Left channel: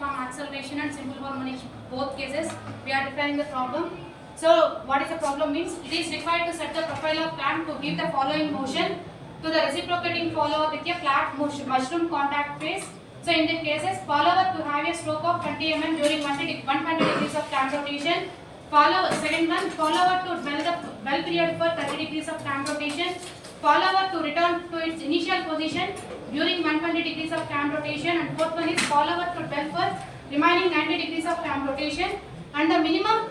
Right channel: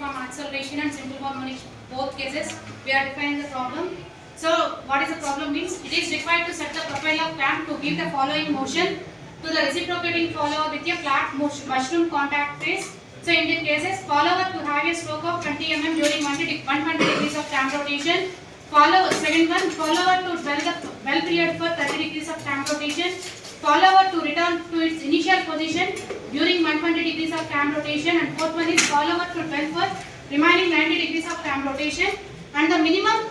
uniform acceleration and simple harmonic both cases. We are defining the problem. So what is the problem means? It is required to set the profile of clamp to give the following motion to the reciprocating follower with a flat mushroom contact phase. So in these cases, follower to have a stroke of 20 mm during 120 degrees of clamp rotation. Second one, follower to well period for 30 degrees of clamp rotation. Follower to return to its initial position during 120 degrees of clamp rotation. And fourth one is follower to dwell for remaining 90 degrees of clamp rotation. And the minimum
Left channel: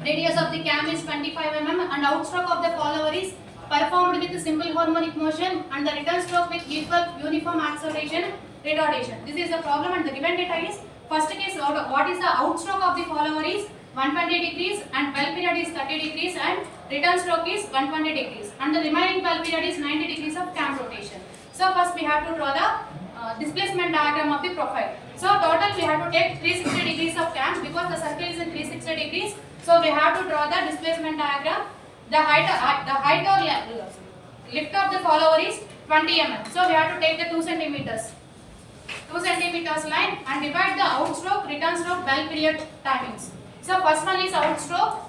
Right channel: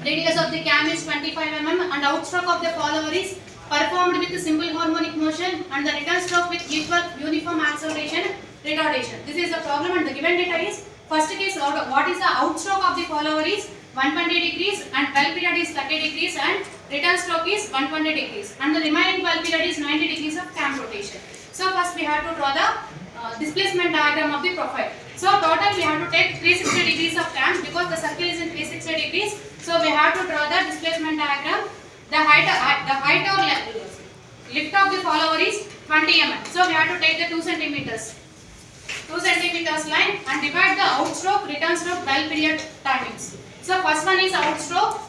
radius of the cam is 25 mm and outstroke of the follower is performed with simple harmonic motion and the return stroke with equal uniform acceleration retardation. This is the problem and the given data is first case what is the outstroke of the follower is 120 degrees and well period is 30 degrees and return stroke is 120 degrees and the remaining well period is 90 degrees of cam rotation. So first we have to draw the displacement diagram of the profile. So total we have to take 360 degrees of cam because the circle is in 360 degrees. So we have to draw the displacement diagram. The height or lift of the follower is 20 mm. So we have to take the 2 centimeters. 2 centimeters line and divide the outstroke, return stroke, well period timings. So first one is outstroke.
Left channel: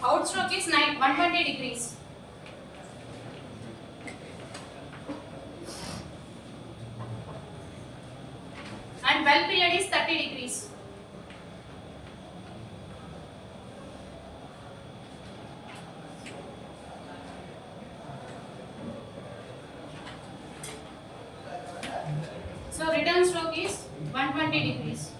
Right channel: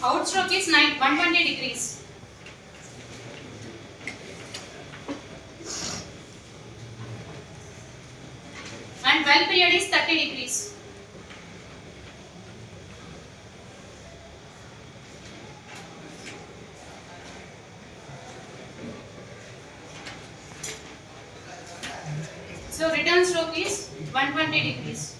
Outstroke is 120 degrees. And well period is 30 degrees. So return stroke is 120 degrees.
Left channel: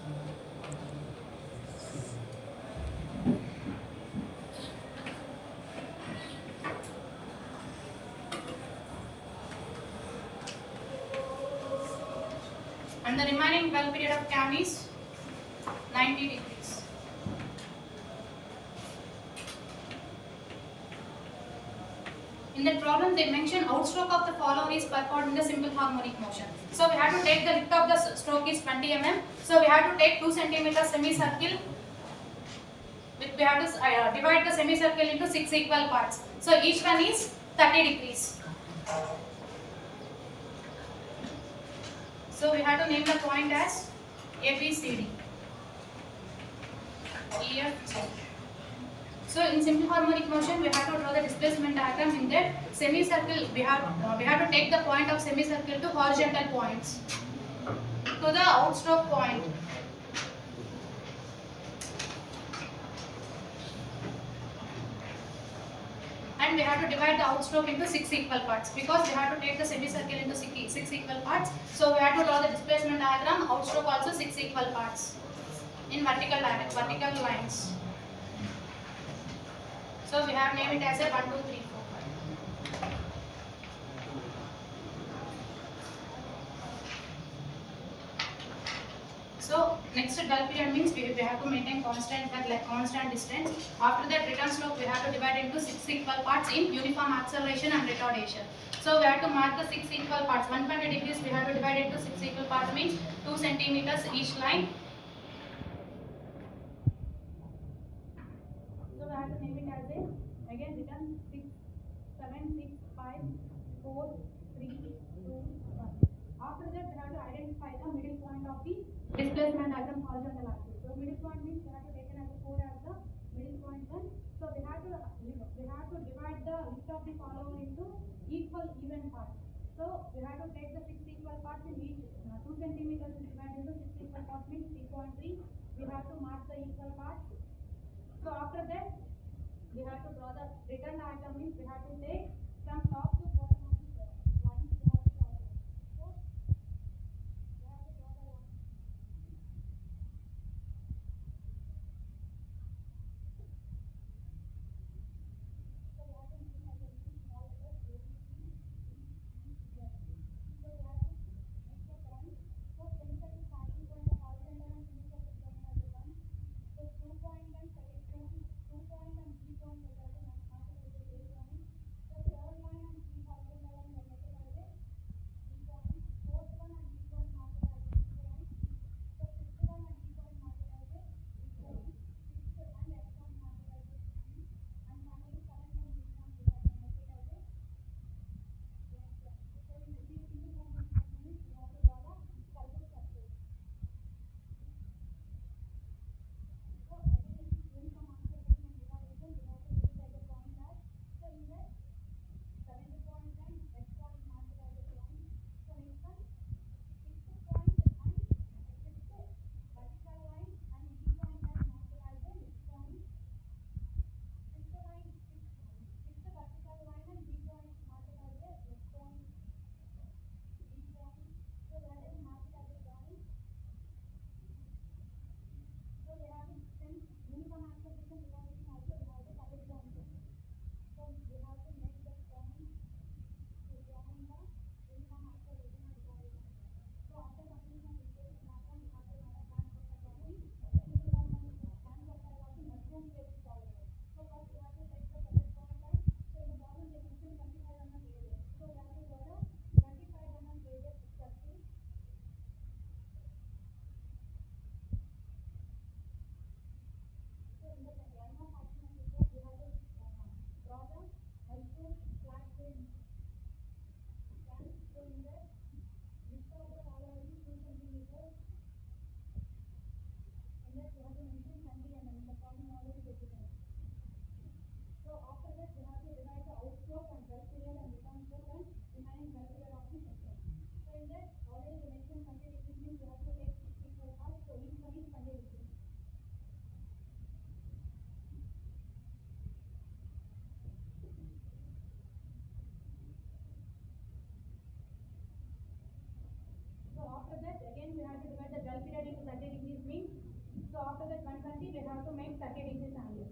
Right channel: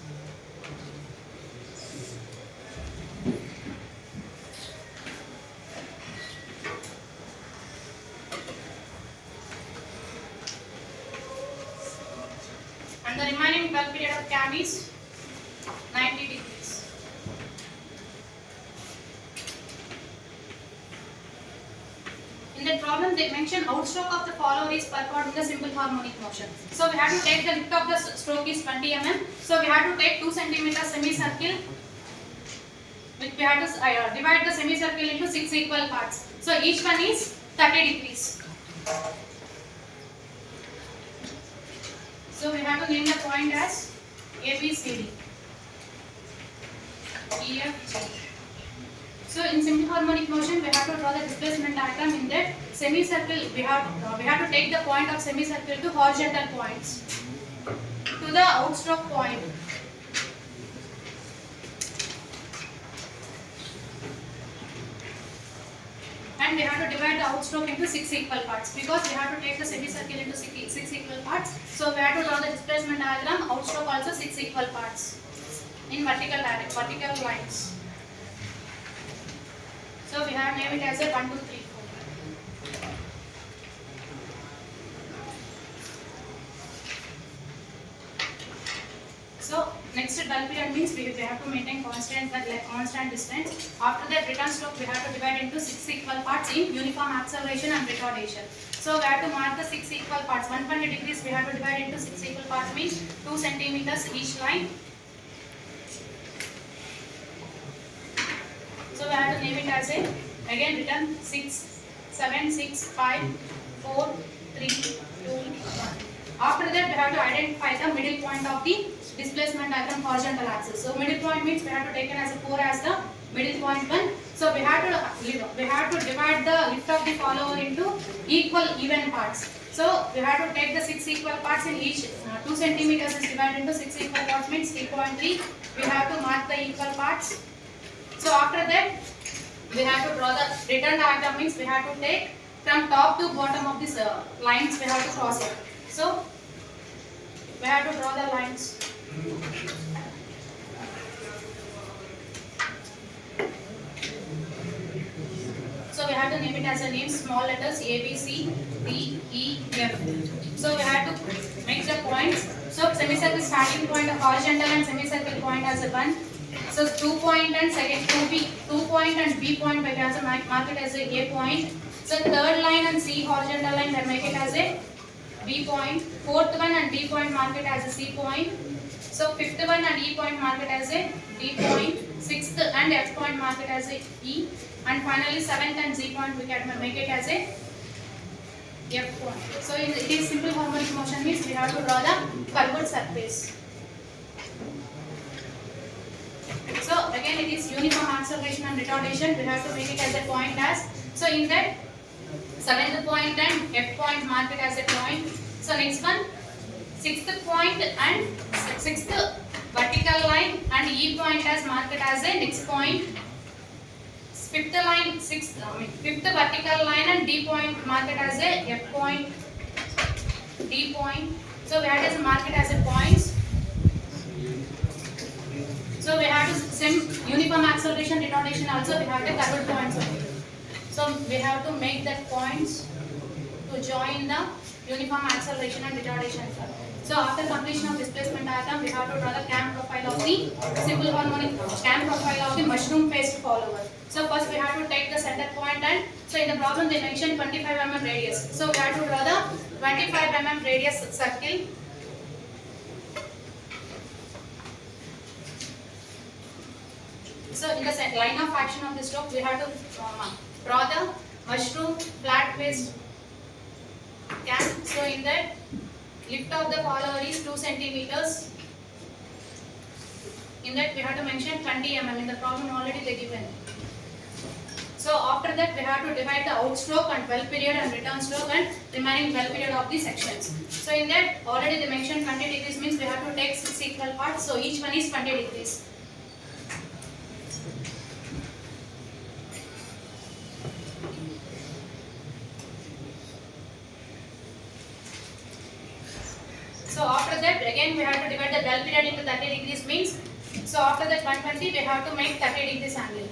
And the remaining well period of cam is 90 degrees. In the problem they mention outstroke of the follower is performed in the simple harmonic motion. So we have to take the lift of the stroke is 20 mm. So we have to take 2 cm semicircle. We have to divide the semicircle into 6 equal parts. So each one is 30 degrees. So we have to name the point as A, B, C, D, E, F, G. So in simple harmonic motion, we have to draw the displacement diagram. In that semicircle, we have to take the point of semicircle to horizontal points to the outstroke point. And we have to divide the outstroke into 6 equal parts because we have to take the semicircle into 6 equal parts. So we have to draw the displacement diagram, outstroke also 6 equal parts in vertical lines. So we have named it as a 1, 2, 3, 4. So next well period means we have to maintain constant distance. After that return stroke we have to divide into 6 equal parts in uniform acceleration and retardation. So we have to mark the 6 equal parts. 120 degrees we have to divide into 6 equal parts means 2 centimeters each line. So we have to name it as a again written 6, 7, 6, 5, 4, 3, 2, 1. After that we have to identify the middle point of the displacement diagram horizontal axis. So middle point means we have to take as a 4 as the middle point 1. So we have to divide the lift of the follower into equal even parts. So we have to take the 6 equal parts in each 2 centimeters is divided into 6 equal parts means 3.3. We have to mark the equal parts. So after that we have to draw the return diagram means we have to take from top to bottom of this lines we have to cross it. So we have to draw the lines. So we have to name it as a name small letters A, B, C, D, E, F. So we have to make the points. So semicircle starting point horizontal and semicircle point as a 1. So 2 point and second 2 point and B point we have to mark it as a point. So third line and C horizontal line we make it as a B point. Fourth one and D point mark it as a C point. So fifth one and E point mark it as a D point. Sixth and F point mark it as a E. And finally seventh and Z point we can make it as a F point. So it is simple harmonic motion means we have to draw the curved surface. So again it is uniform acceleration and retardation. We have to make it as a point as. So in that 7th point and F point mark it as a point. So next one 6th point and 6th vertical line and E point as marked as a next point. 5th line, 5th vertical line and D point marked as a F point, D point. So we have to mark it as a points. So we have to same uniform acceleration retardation also we have to curved points only. So we have to make that points to join the uniform acceleration and retardation. So after completion of displacement diagram, we have to draw the cam profile of the simple harmonic cam profile of the mushroom faced follower. So first we have to take the center point and so in the problem they mentioned 25 mm radius. So we have to draw the 25 mm radius circle. So in the line of action of the stroke, we have to draw the mushroom flat faced cam. So in that lift of the follower is 2 centimeters. In that we have to mention 20 mm. In the problem already they given. So after that we have to divide the outstroke and well period and return stroke and remaining well period of the sections. So in that already they mentioned 20 degrees means we have to take 6 equal parts. So each one is 20 degrees. So after that again we have to divide the well period into 30 degrees means so after that 120 we have to make 30 degrees angle.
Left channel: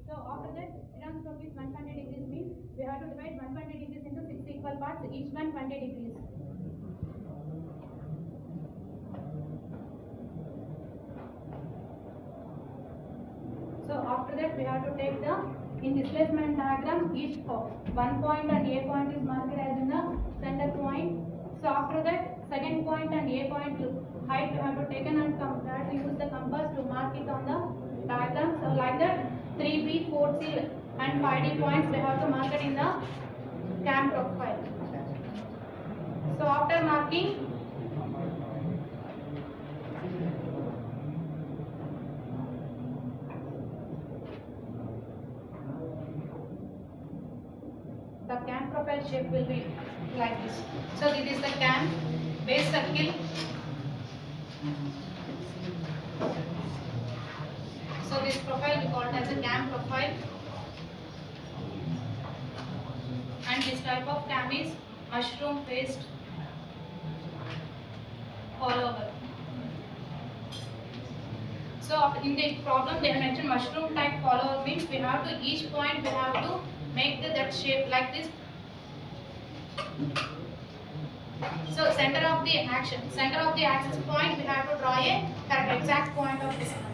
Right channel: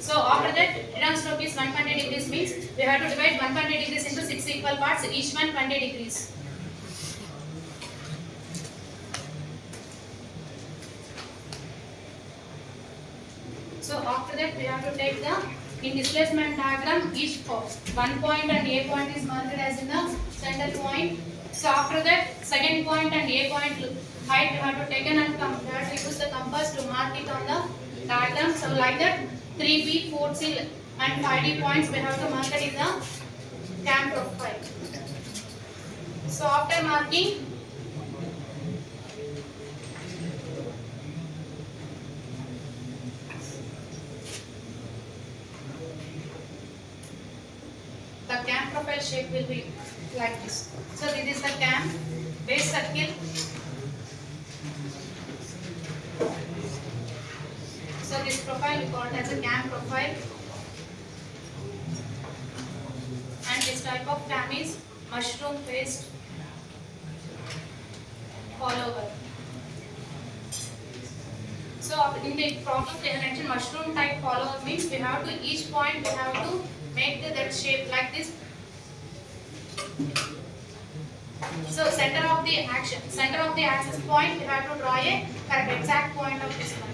So after that return stroke is 120 degrees means we have to divide 120 degrees into 6 equal parts, each one 20 degrees. So after that we have to take the in displacement diagram each one point and A point is marked as in the center point. So after that second point and A point height we have to take and compare. We use the compass to mark it on the diagram. So like that 3B, 4C and 5D points we have to mark it in the cam profile. So after marking the cam profile shape will be like this. So this is the cam base circle. So this profile we call it as a cam profile. And this type of cam is mushroom faced follower. So in the problem they have mentioned mushroom type follower means we have to each point we have to make that shape like this. So center of the axis point we have to draw a correct exact point of this one.